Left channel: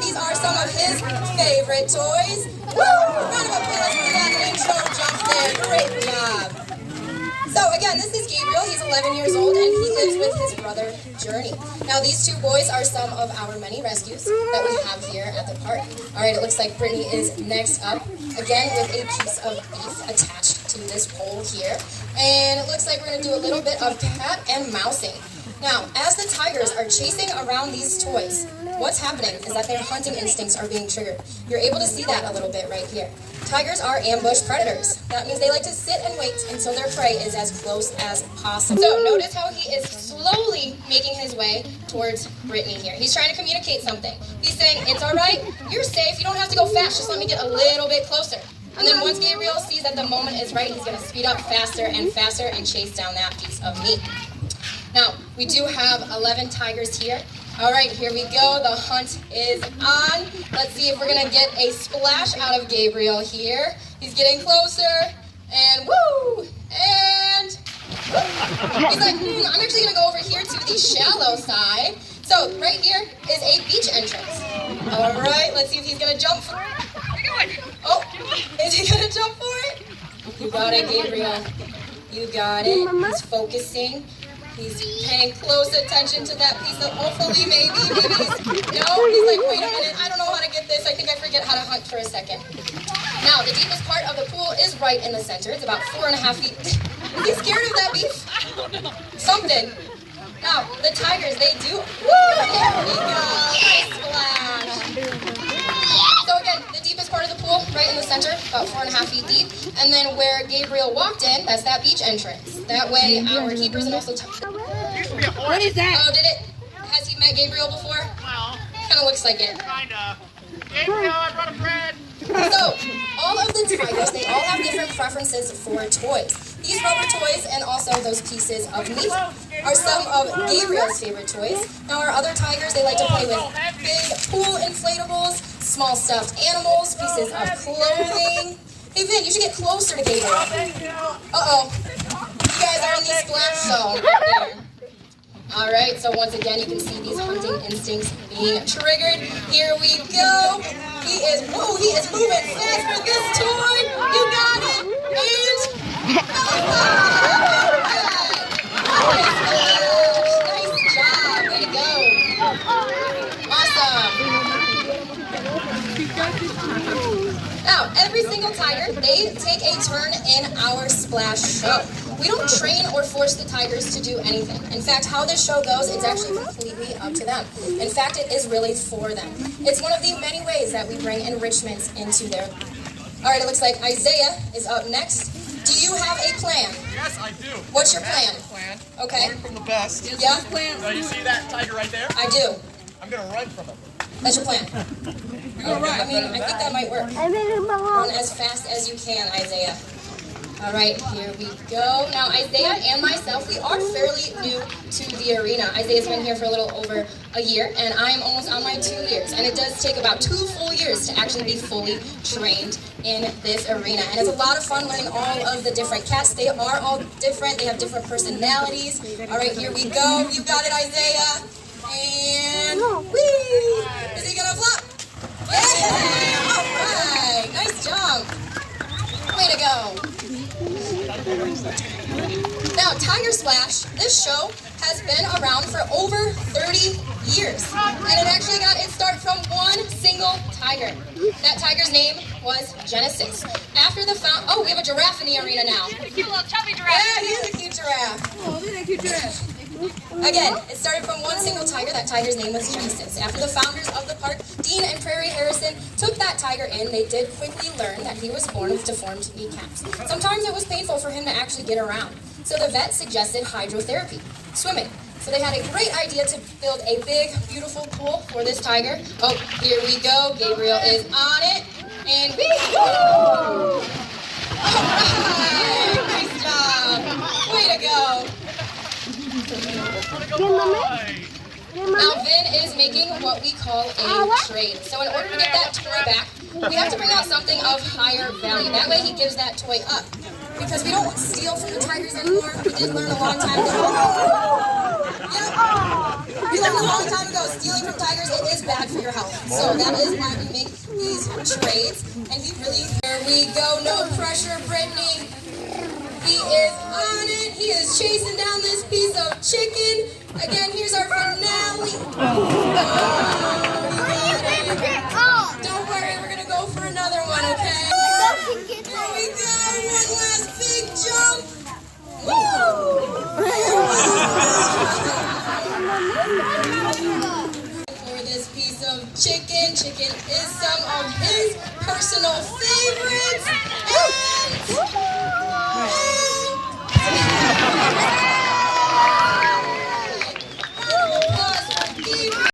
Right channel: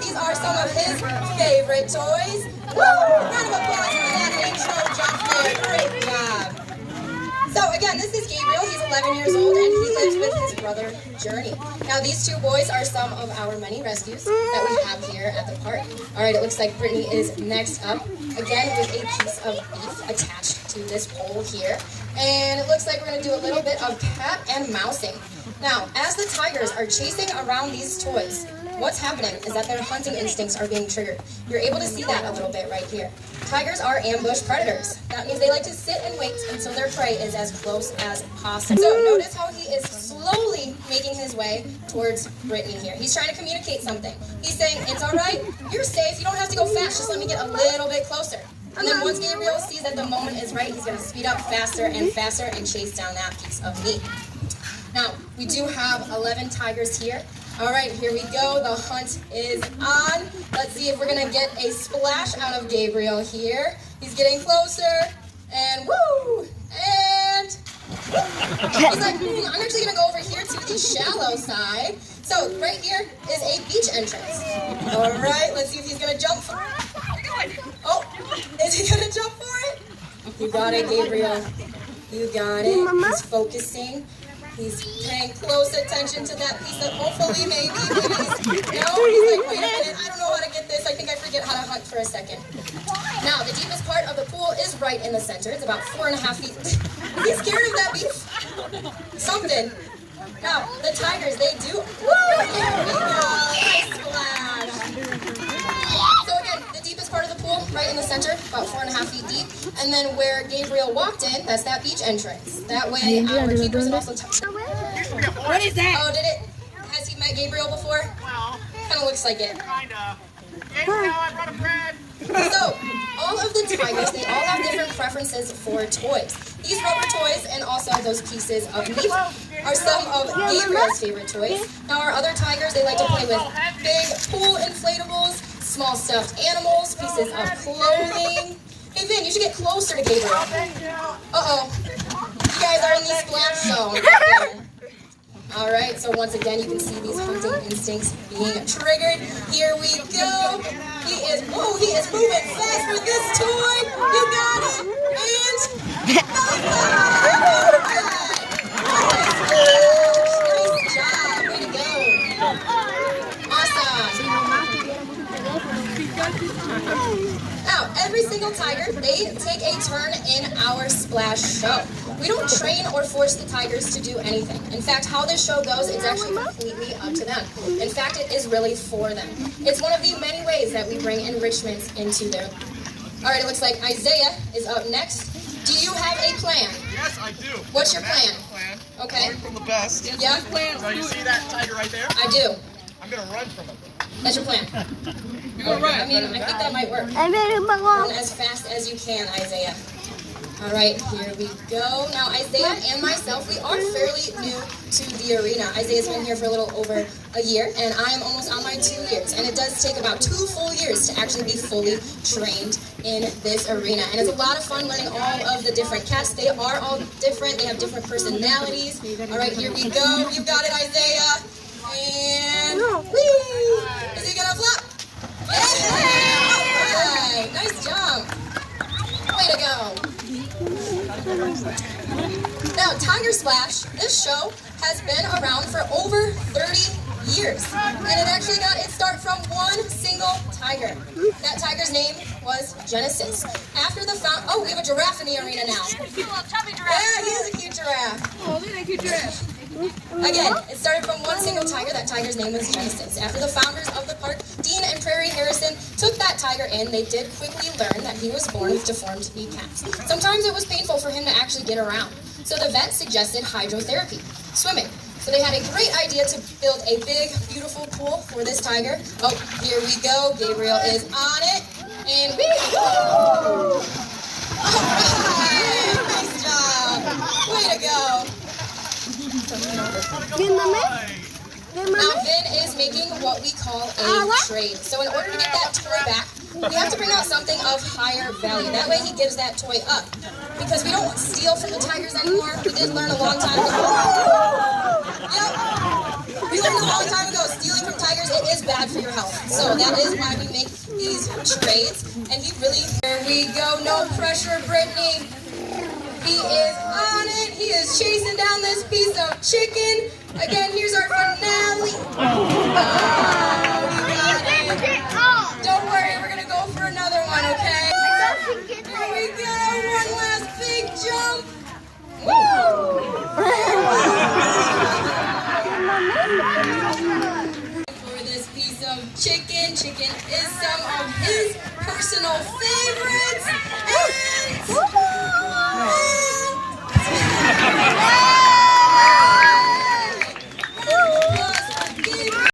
These are some of his favorite toys. Woo! Round of applause for that intro jump there. Great job. So again, this is Gabriel. He's 11 years old and he lives with his brother, Journey. Now these two boys are some of our many rescues that we have here at the park. All right, it looks like Brittany is next up, again with a piece of beef attached to this pole here. And it looks like we're gonna do a little bit of cat and mousing. Now, as the tigers are chasing around these toys, what's happening is that their hunting instincts are being triggered. You're able to see that a little bit right here. Tigers are ambush predators. That means they like to sit and wait until their prey is as close as possible. So notice how he is slowly making his way towards Brittany here. He's trying to communicate something. He's saying, it's all right, you're safe, you don't have to go fast, just let me get a little bit closer. And then once Gabriel sees that the moment is right, he's gonna speed up faster and faster and chase down that piece of meat. Now, we do have 11 tigers here. All right, here we go. The hunt is on. Let's see if we're gonna get a splash out of Gabriel here. He's getting closer, and woo! And he's like, I'm actually gonna go over here to the shallow side. So right here is a beach entrance. All right, let's see if he's gonna jump for it. Oh, is he gonna jump for it? You got it, Gabriel. You got it. He's focusing. He's paying close attention to that piece of, hopefully, maybe he's, no, he's like, wait a minute, I don't know how to get this. I think I forget how to hunt for a second. Now, the deepest part of the pool is right in the center. It's about 4.5 feet. Is he scared of that beef? Something. Now, the tigers, they do, woo, there we go, nice splash. So again, the deepest part of the pool, right in the center, about 4.5 feet deep. And then where Gabriel walked in, that's that beach entrance. That way, our keepers and also... What is that? Oh, did it? Has he met Gabriel before? Well, kind of looks like it. Kinda. Gabriel, I brought a friend. So, all of the tigers, they all have different preferences for toys. These rubber toys and also those pieces of meat are some of Gabriel's favorite toys. Now, our other tigers, they like to play with big pool inflatables, small stuffed animals, pieces of clothing. Hey, Vin, you should get closer to Gabriel. Uh-oh. You guys are in the splash zone right there. All right, so once again, you can see these hunting instincts being triggered. Here we go. He is moving fast with this toy. You got it. And nice job. Way to go. Awesome. Now, every single tiger, they take a turn in our splash show. We don't train or force the tigers to do anything. In fact, how this show goes, it's actually completely up to them. In fact, it is really for them. It's one of the many ways that we bring enrichments into their... All right, it looks like Isaiah is up next. Do you have a plan? Yes, I do. What's your plan? Okay. Learn from the best. Yeah? So you see that tiger right there? I do. I'm going to run from it. That's your plan. Okay. I mean, I think that might work. Run as fast as you can, Isaiah. All right, here we go. Now, Isaiah and myself, we are fairly new to the arena. Isaiah's been here for a little over a year, and I'm almost on my 2 years. And it does take about 2 full years to actually be fully trained in this arena. And it's a lot of fun learning all of the different cats. They are all different. They have different personalities. All right, here we go. You got it, Isaiah. And whee! Is he gonna flop? Yeah! All right, nice jump. Way to go. Now, Tiger Splash, this show has been around for over 30 years. And it actually got its start from one single tiger. That tiger's name was Genesis. After the oh, we have a giraffe in the arena now. He's a cute little chubby giraffe. Yeah, he is a cute giraffe. Oh, look at that cute giraffe. Again, it started from one single tiger. That tiger's name was Genesis. After the founders of the park, Dean and Prairie Harrison, took that tiger in, they did quickly learn that he was born with deformed kneecaps. Sometimes it was painful for him to actually get around. So the vet suggested hydrotherapy, swimming. So they had a great idea to build a big, beautiful pool for this tiger. Oh, here we go. Gabriel is on it. And woo! All right! Nice job! Way to go! Now, Vin is making what we call a trade. So in order to get that toy back, we have to bring out something of higher value. That way he gives that toy up. Because we don't steal from the tigers anymore. We did learn a long time ago. We learned a long time ago, stealing from tigers, it is bad for your health. So that is why we make these trades. And he really, there we go, no pressure, Brittany. He is on it. He is chasing down this piece of chicken. Again, here's our finale. Oh, he got it. Don't worry, we're going to go for another one, okay? Here we go. One last big jump. Woo! For this piece of chicken. Chicken is some of his personal favorites.